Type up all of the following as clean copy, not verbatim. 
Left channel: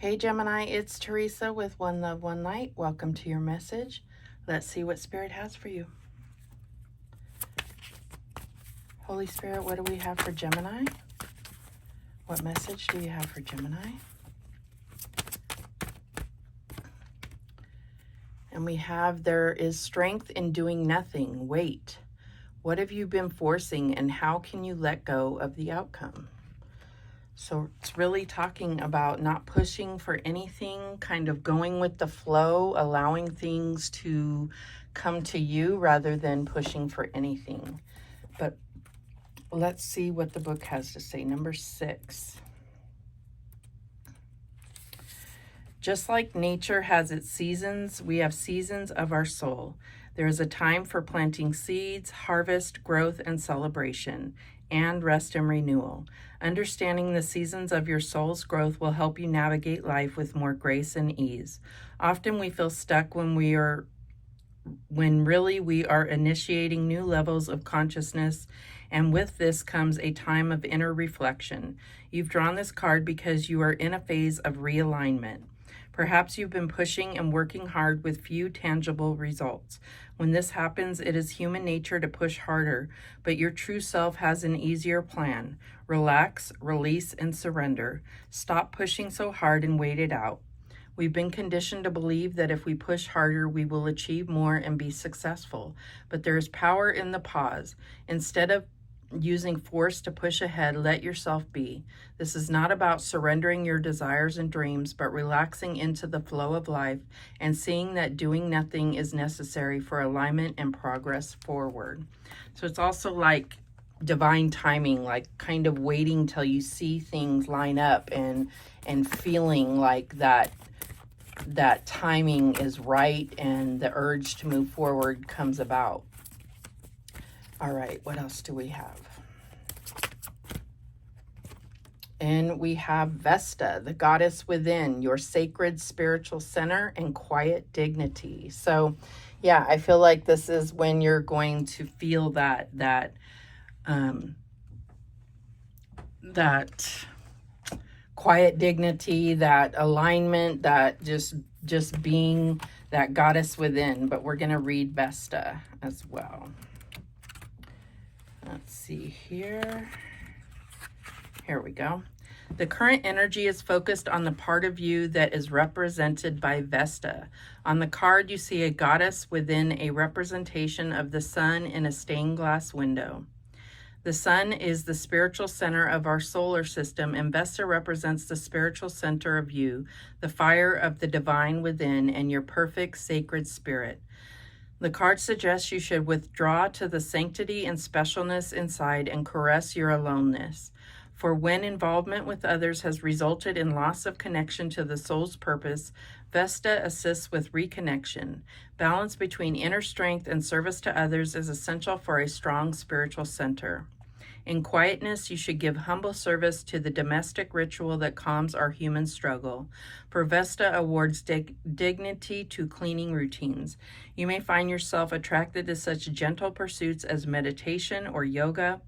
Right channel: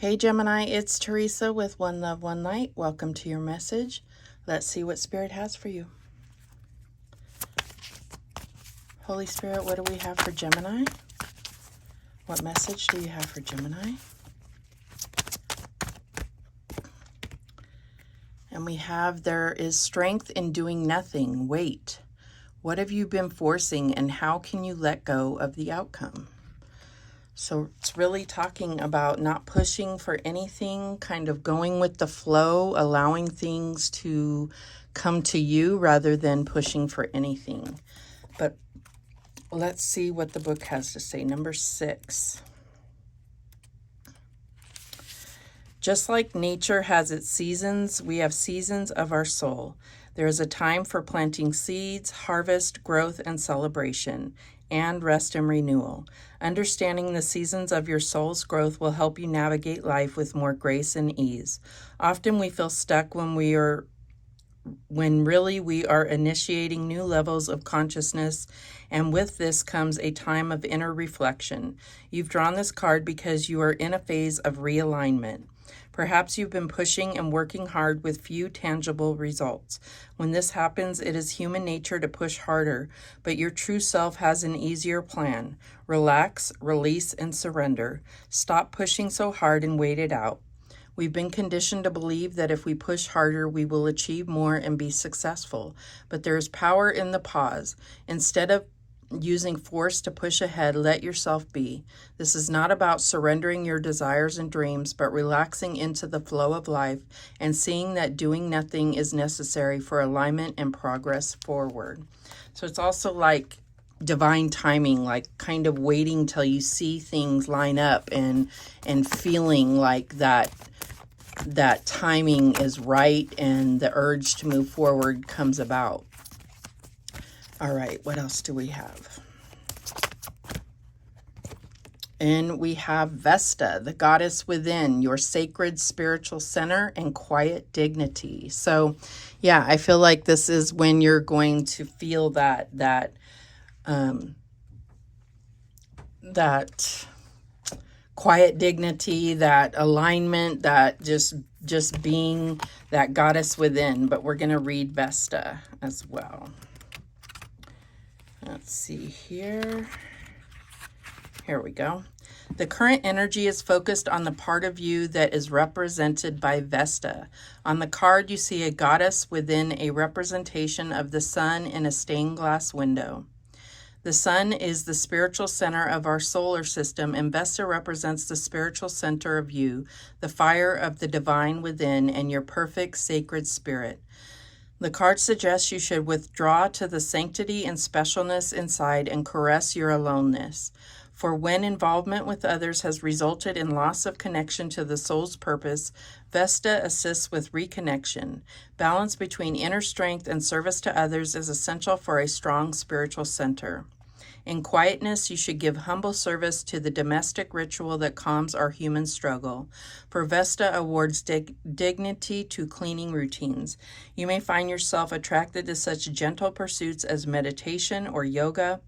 Hey Gemini, it's Teresa with One Love, One Light. Welcome to your message. Let's see what Spirit has for you. Holy Spirit, what do we have for Gemini? What message do you have for Gemini? And we have, there is strength in doing nothing. Wait. What have you been forcing and how can you let go of the outcome? So it's really talking about not pushing for anything, kind of going with the flow, allowing things to come to you rather than pushing for anything. But let's see what the book has to say. Number 6. Just like nature has its seasons, we have seasons of our soul. There is a time for planting seeds, harvest, growth, and celebration, and rest and renewal. Understanding the seasons of your soul's growth will help you navigate life with more grace and ease. Often we feel stuck when really we are initiating new levels of consciousness, and with this comes a time of inner reflection. You've drawn this card because you are in a phase of realignment. Perhaps you've been pushing and working hard with few tangible results. When this happens, it is human nature to push harder, but your true self has an easier plan. Relax, release, and surrender. Stop pushing so hard and wait it out. We've been conditioned to believe that if we push harder, we will achieve more and be successful. But there is power in the pause. Instead of using force to push ahead, let yourself be. This is not about surrendering your desires and dreams, but relaxing into the flow of life and seeing that doing nothing is necessary for alignment and progress forward. So it's also like divine timing, like kind of waiting till you see things line up and feeling like that timing is right and the urge to move forward comes about. All right, what else do we have? And we have Vesta, the goddess within, your sacred spiritual center and quiet dignity. So, yeah, I feel like this is when you're going to feel that quiet dignity, that alignment, that just being that goddess within. But we're going to read Vesta as well. Let's see here. Here we go. The current energy is focused on the part of you that is represented by Vesta. On the card, you see a goddess within, a representation of the sun in a stained glass window. The sun is the spiritual center of our solar system, and Vesta represents the spiritual center of you, the fire of the divine within, and your perfect sacred spirit. The card suggests you should withdraw to the sanctity and specialness inside and caress your aloneness. For when involvement with others has resulted in loss of connection to the soul's purpose, Vesta assists with reconnection. Balance between inner strength and service to others is essential for a strong spiritual center. In quietness, you should give humble service to the domestic ritual that calms our human struggle. For Vesta awards dignity to cleaning routines. You may find yourself attracted to such gentle pursuits as meditation or yoga.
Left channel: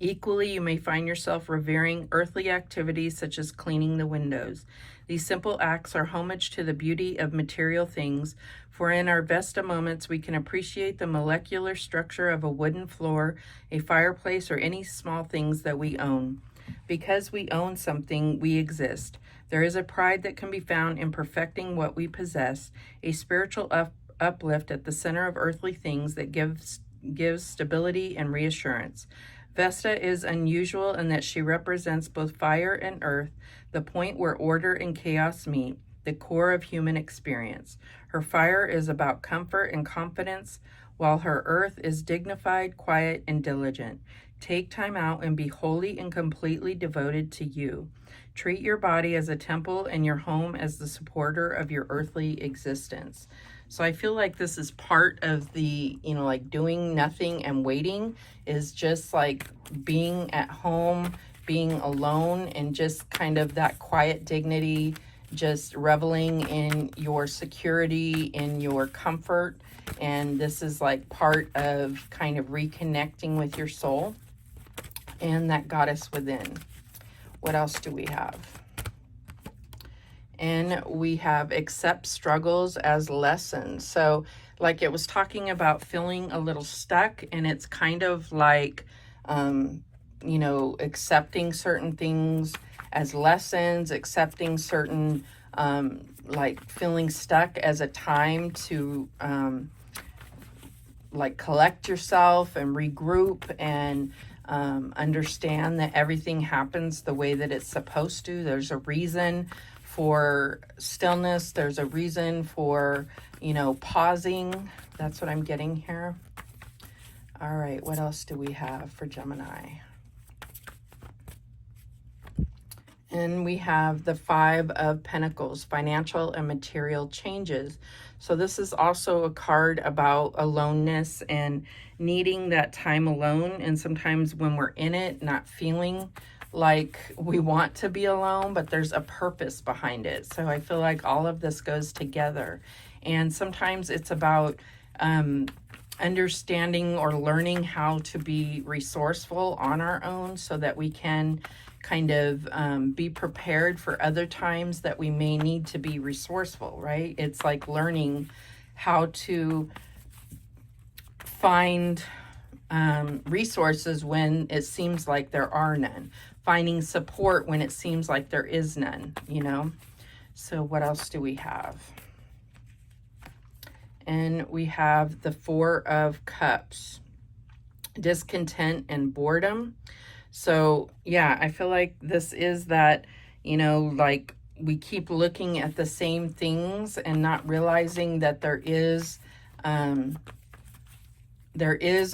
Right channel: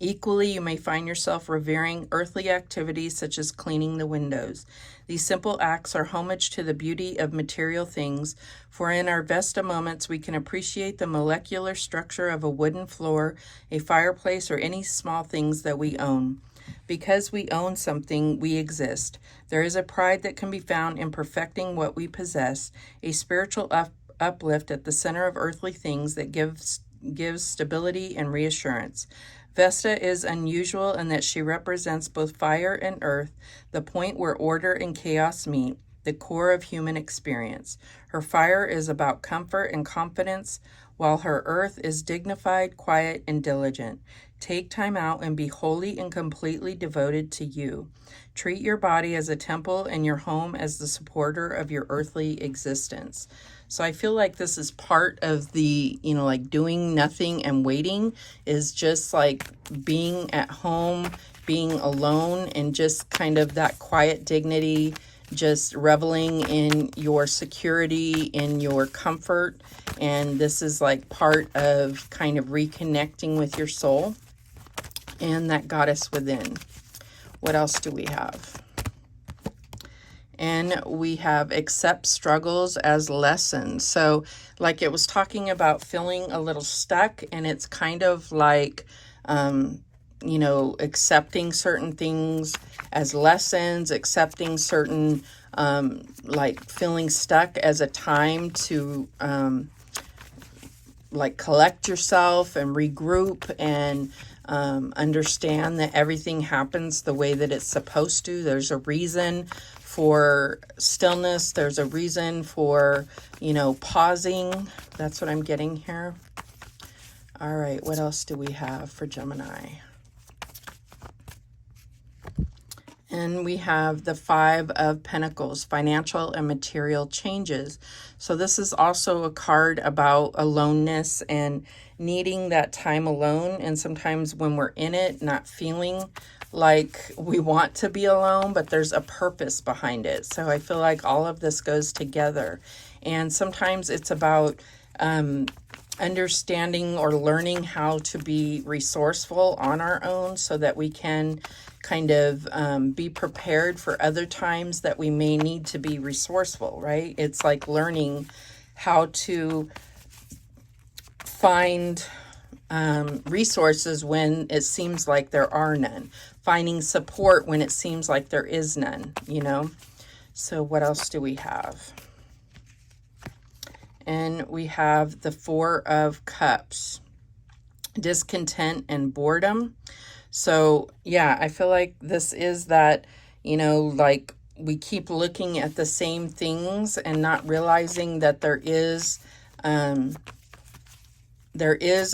Equally, you may find yourself revering earthly activities such as cleaning the windows. These simple acts are homage to the beauty of material things, for in our Vesta moments we can appreciate the molecular structure of a wooden floor, a fireplace, or any small things that we own. Because we own something, we exist. There is a pride that can be found in perfecting what we possess, a spiritual uplift at the center of earthly things that gives stability and reassurance. Vesta is unusual in that she represents both fire and earth, the point where order and chaos meet, the core of human experience. Her fire is about comfort and confidence, while her earth is dignified, quiet, and diligent. Take time out and be wholly and completely devoted to you. Treat your body as a temple and your home as the supporter of your earthly existence. So I feel like this is part of the, like doing nothing and waiting is just like being at home, being alone, and just kind of that quiet dignity, just reveling in your security, in your comfort. And this is like part of kind of reconnecting with your soul and that goddess within. What else do we have? And we have accept struggles as lessons. So like it was talking about feeling a little stuck, and it's kind of like, you know, accepting certain things as lessons, accepting certain, like feeling stuck as a time to, like collect yourself and regroup and understand that everything happens the way that it's supposed to. There's a reason for stillness. There's a reason for, you know, pausing. That's what I'm getting here. All right, what else do we have for Gemini? And we have the Five of Pentacles, financial and material changes. So this is also a card about aloneness and needing that time alone. And sometimes when we're in it, not feeling like we want to be alone, but there's a purpose behind it. So I feel like all of this goes together. And sometimes it's about understanding or learning how to be resourceful on our own so that we can kind of be prepared for other times that we may need to be resourceful, right? It's like learning how to find resources when it seems like there are none. Finding support when it seems like there is none, you know? So what else do we have? And we have the Four of Cups, discontent and boredom. So yeah, I feel like this is that, you know, like we keep looking at the same things and not realizing that there is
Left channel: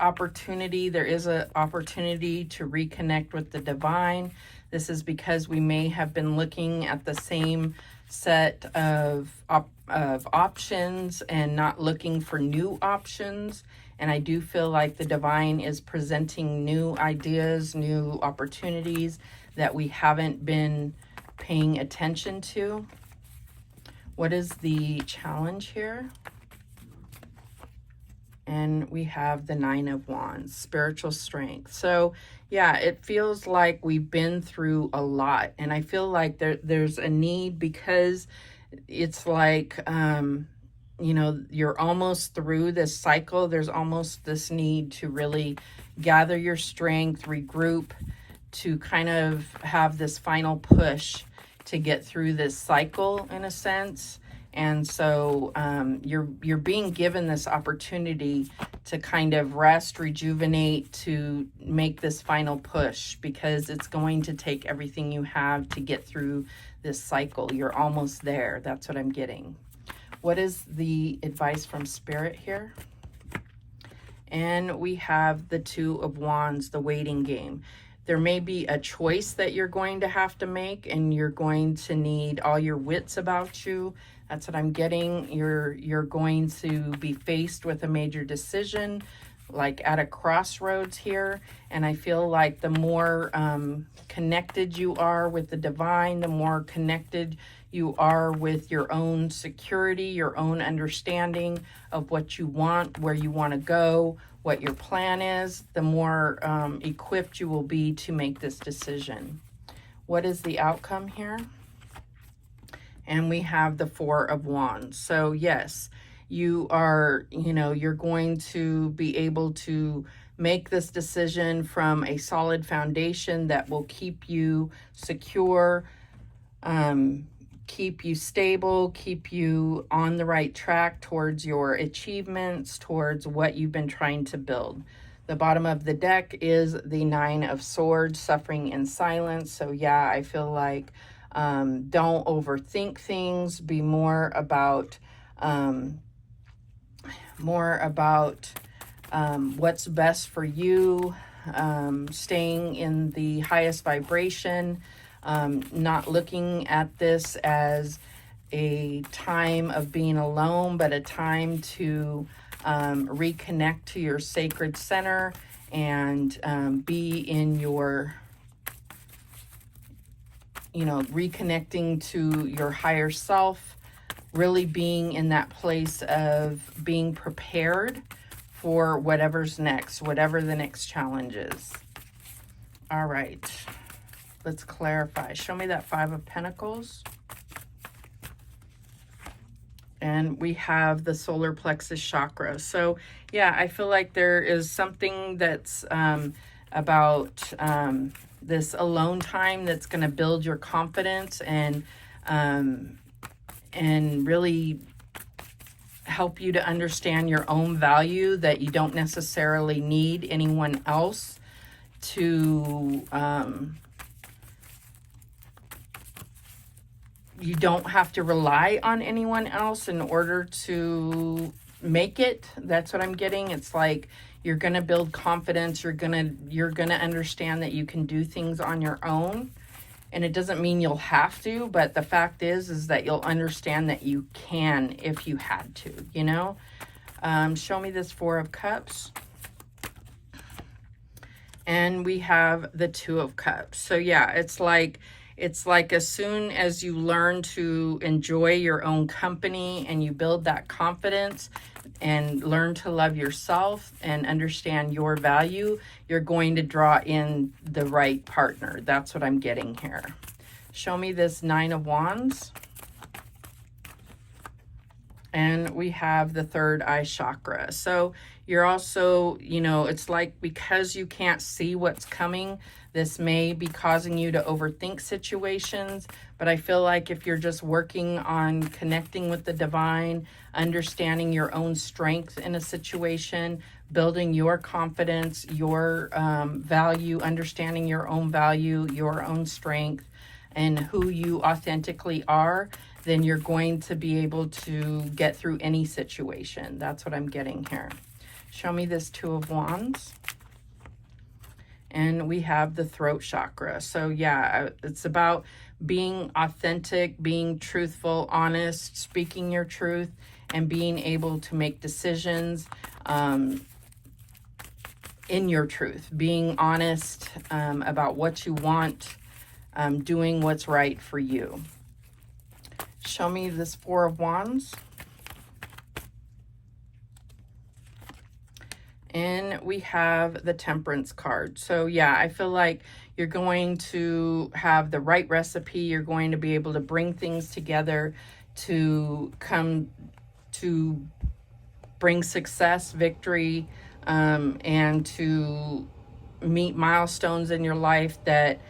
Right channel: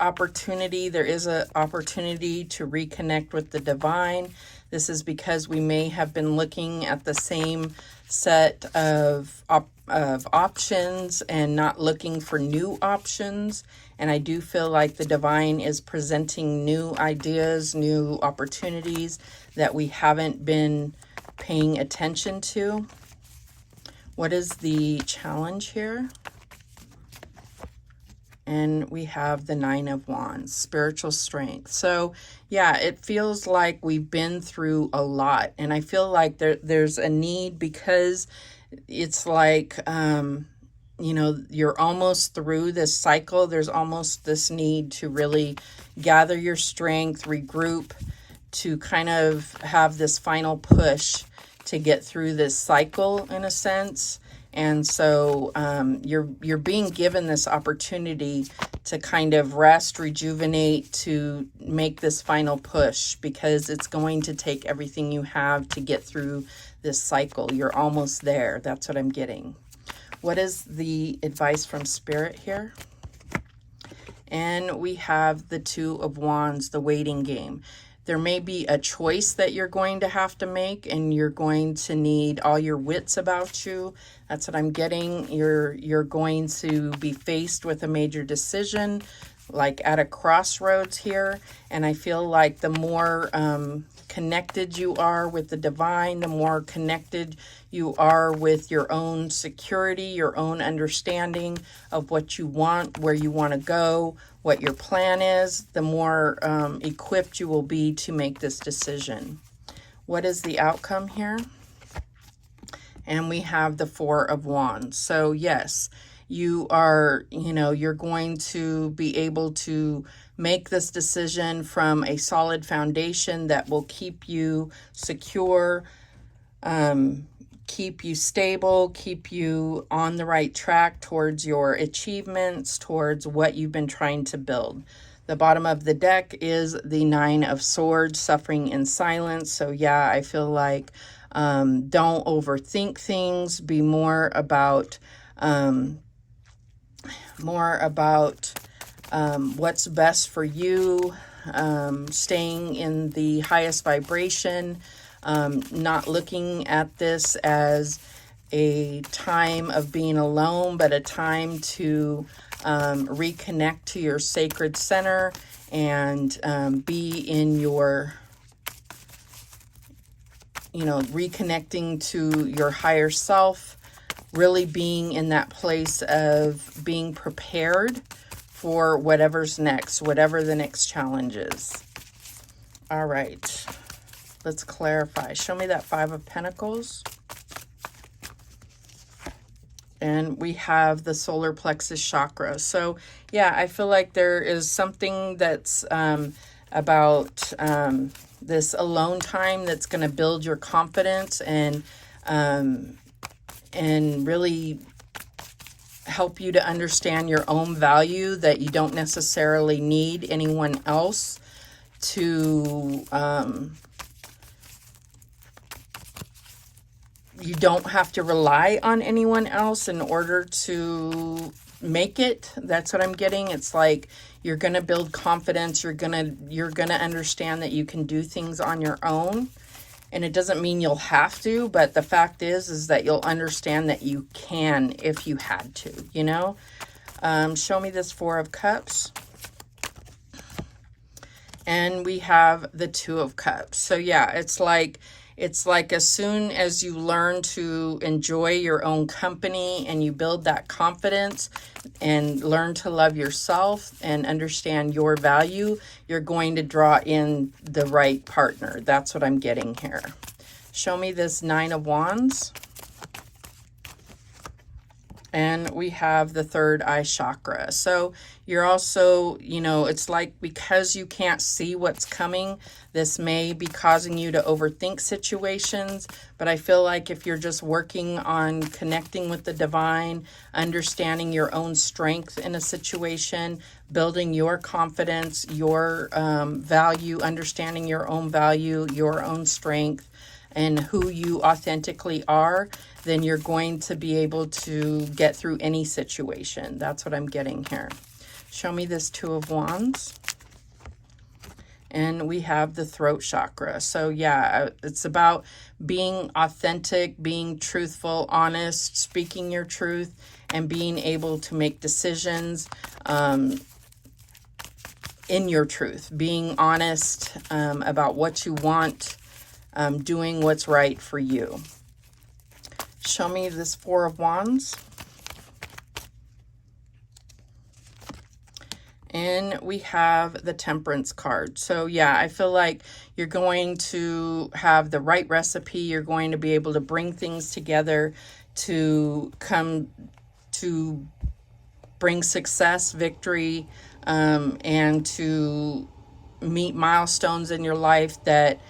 opportunity. There is an opportunity to reconnect with the divine. This is because we may have been looking at the same set of options and not looking for new options. And I do feel like the divine is presenting new ideas, new opportunities that we haven't been paying attention to. What is the challenge here? And we have the Nine of Wands, spiritual strength. So yeah, it feels like we've been through a lot. And I feel like there's a need, because it's like, you know, you're almost through this cycle. There's almost this need to really gather your strength, regroup, to kind of have this final push to get through this cycle in a sense. And so you're being given this opportunity to kind of rest, rejuvenate, to make this final push, because it's going to take everything you have to get through this cycle. You're almost there. That's what I'm getting. What is the advice from Spirit here? And we have the Two of Wands, the waiting game. There may be a choice that you're going to have to make, and you're going to need all your wits about you. That's what I'm getting. You're going to be faced with a major decision, like at a crossroads here. And I feel like the more connected you are with the divine, the more connected you are with your own security, your own understanding of what you want, where you want to go, what your plan is, the more equipped you will be to make this decision. What is the outcome here? And we have the Four of Wands. So yes, you are, you know, you're going to be able to make this decision from a solid foundation that will keep you secure, keep you stable, keep you on the right track towards your achievements, towards what you've been trying to build. The bottom of the deck is the Nine of Swords, suffering in silence. So yeah, I feel like don't overthink things. Be more about what's best for you, staying in the highest vibration, not looking at this as a time of being alone, but a time to reconnect to your sacred center and be in your, you know, reconnecting to your higher self, really being in that place of being prepared for whatever's next, whatever the next challenge is. All right, let's clarify. Show me that Five of Pentacles. And we have the solar plexus chakra. So yeah, I feel like there is something that's about this alone time that's going to build your confidence and really help you to understand your own value, that you don't necessarily need anyone else to you don't have to rely on anyone else in order to make it. That's what I'm getting. It's like you're going to build confidence. You're going to understand that you can do things on your own. And it doesn't mean you'll have to, but the fact is that you'll understand that you can if you had to, you know? Show me this Four of Cups. And we have the Two of Cups. So yeah, it's like as soon as you learn to enjoy your own company and you build that confidence and learn to love yourself and understand your value, you're going to draw in the right partner. That's what I'm getting here. Show me this Nine of Wands. And we have the third eye chakra. So you're also, you know, it's like because you can't see what's coming, this may be causing you to overthink situations. But I feel like if you're just working on connecting with the divine, understanding your own strength in a situation, building your confidence, your value, understanding your own value, your own strength, and who you authentically are, then you're going to be able to get through any situation. That's what I'm getting here. Show me this Two of Wands. And we have the throat chakra. So yeah, it's about being authentic, being truthful, honest, speaking your truth, and being able to make decisions in your truth, being honest about what you want, doing what's right for you. Show me this Four of Wands. And we have the Temperance card. So yeah, I feel like you're going to have the right recipe. You're going to be able to bring things together to come to bring success, victory, and to meet milestones in your life that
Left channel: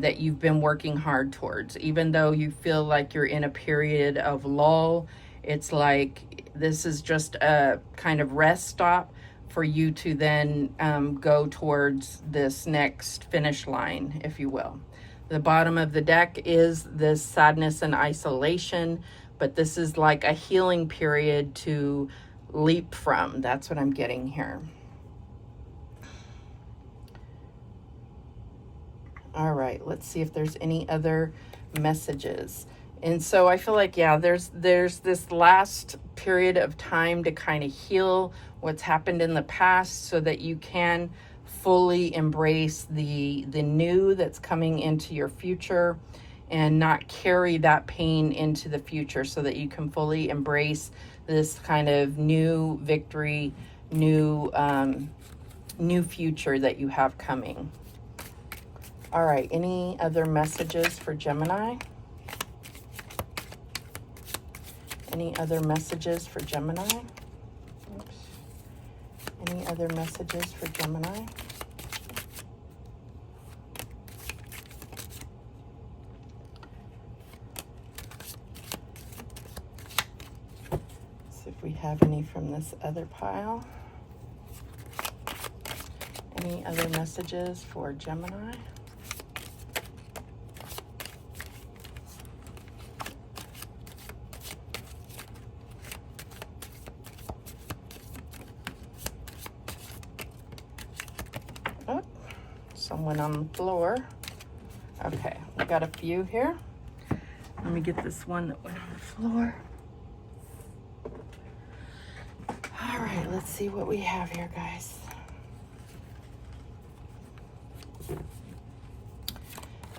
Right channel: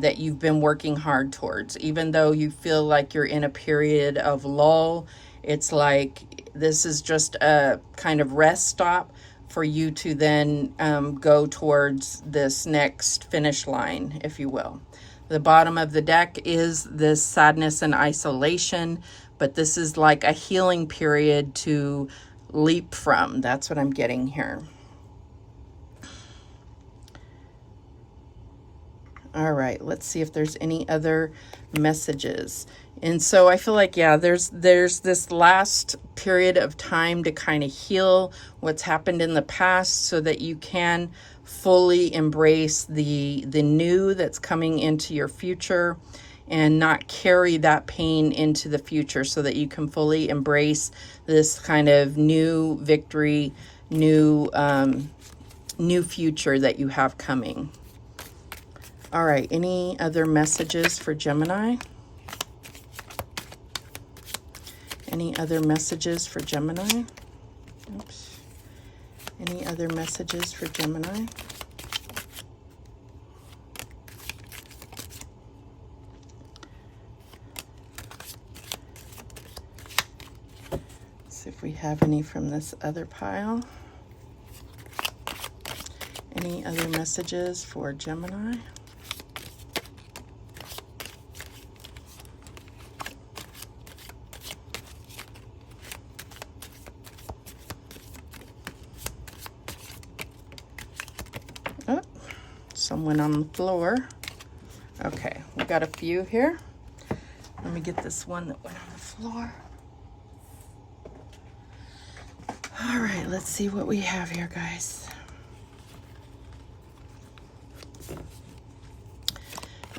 that you've been working hard towards. Even though you feel like you're in a period of lull, it's like this is just a kind of rest stop for you to then go towards this next finish line, if you will. The bottom of the deck is this sadness and isolation, but this is like a healing period to leap from. That's what I'm getting here. All right, let's see if there's any other messages. And so I feel like, yeah, there's this last period of time to kind of heal what's happened in the past so that you can fully embrace the new that's coming into your future and not carry that pain into the future, so that you can fully embrace this kind of new victory, new future that you have coming. All right, any other messages for Gemini? Any other messages for Gemini? Oops. Any other messages for Gemini? Let's see if we have any from this other pile. Any other messages for Gemini? Someone on the floor. Okay, we got a few here. Let me get this one that went on the floor. All right, let's see what we have here, guys.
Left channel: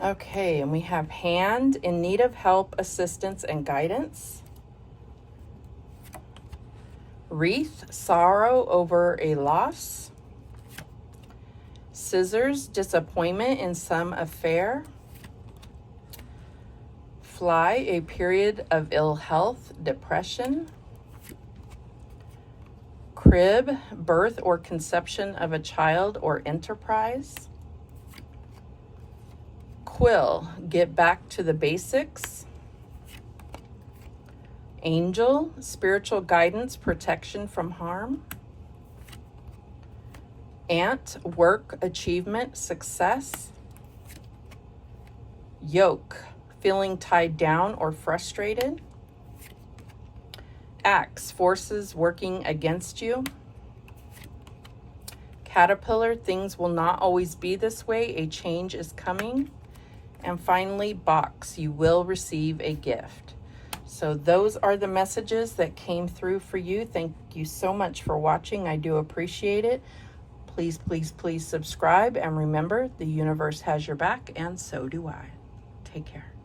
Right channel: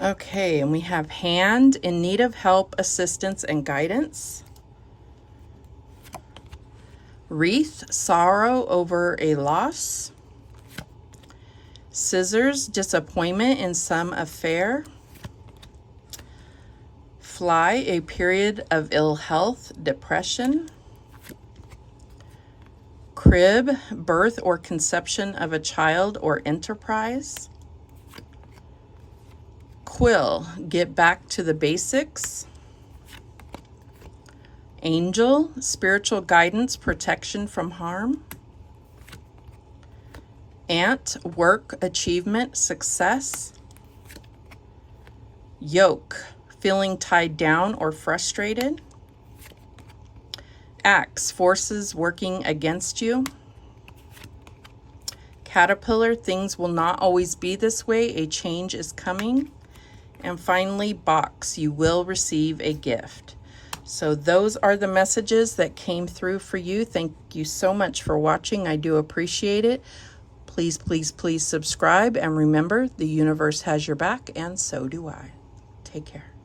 Okay, and we have hand, in need of help, assistance, and guidance. Wreath, sorrow over a loss. Scissors, disappointment in some affair. Fly, a period of ill health, depression. Crib, birth or conception of a child or enterprise. Quill, get back to the basics. Angel, spiritual guidance, protection from harm. Ant, work, achievement, success. Yoke, feeling tied down or frustrated. Axe, forces working against you. Caterpillar, things will not always be this way, a change is coming. And finally, box, you will receive a gift. So those are the messages that came through for you. Thank you so much for watching. I do appreciate it. Please, please, please subscribe. And remember, the universe has your back, and so do I. Take care.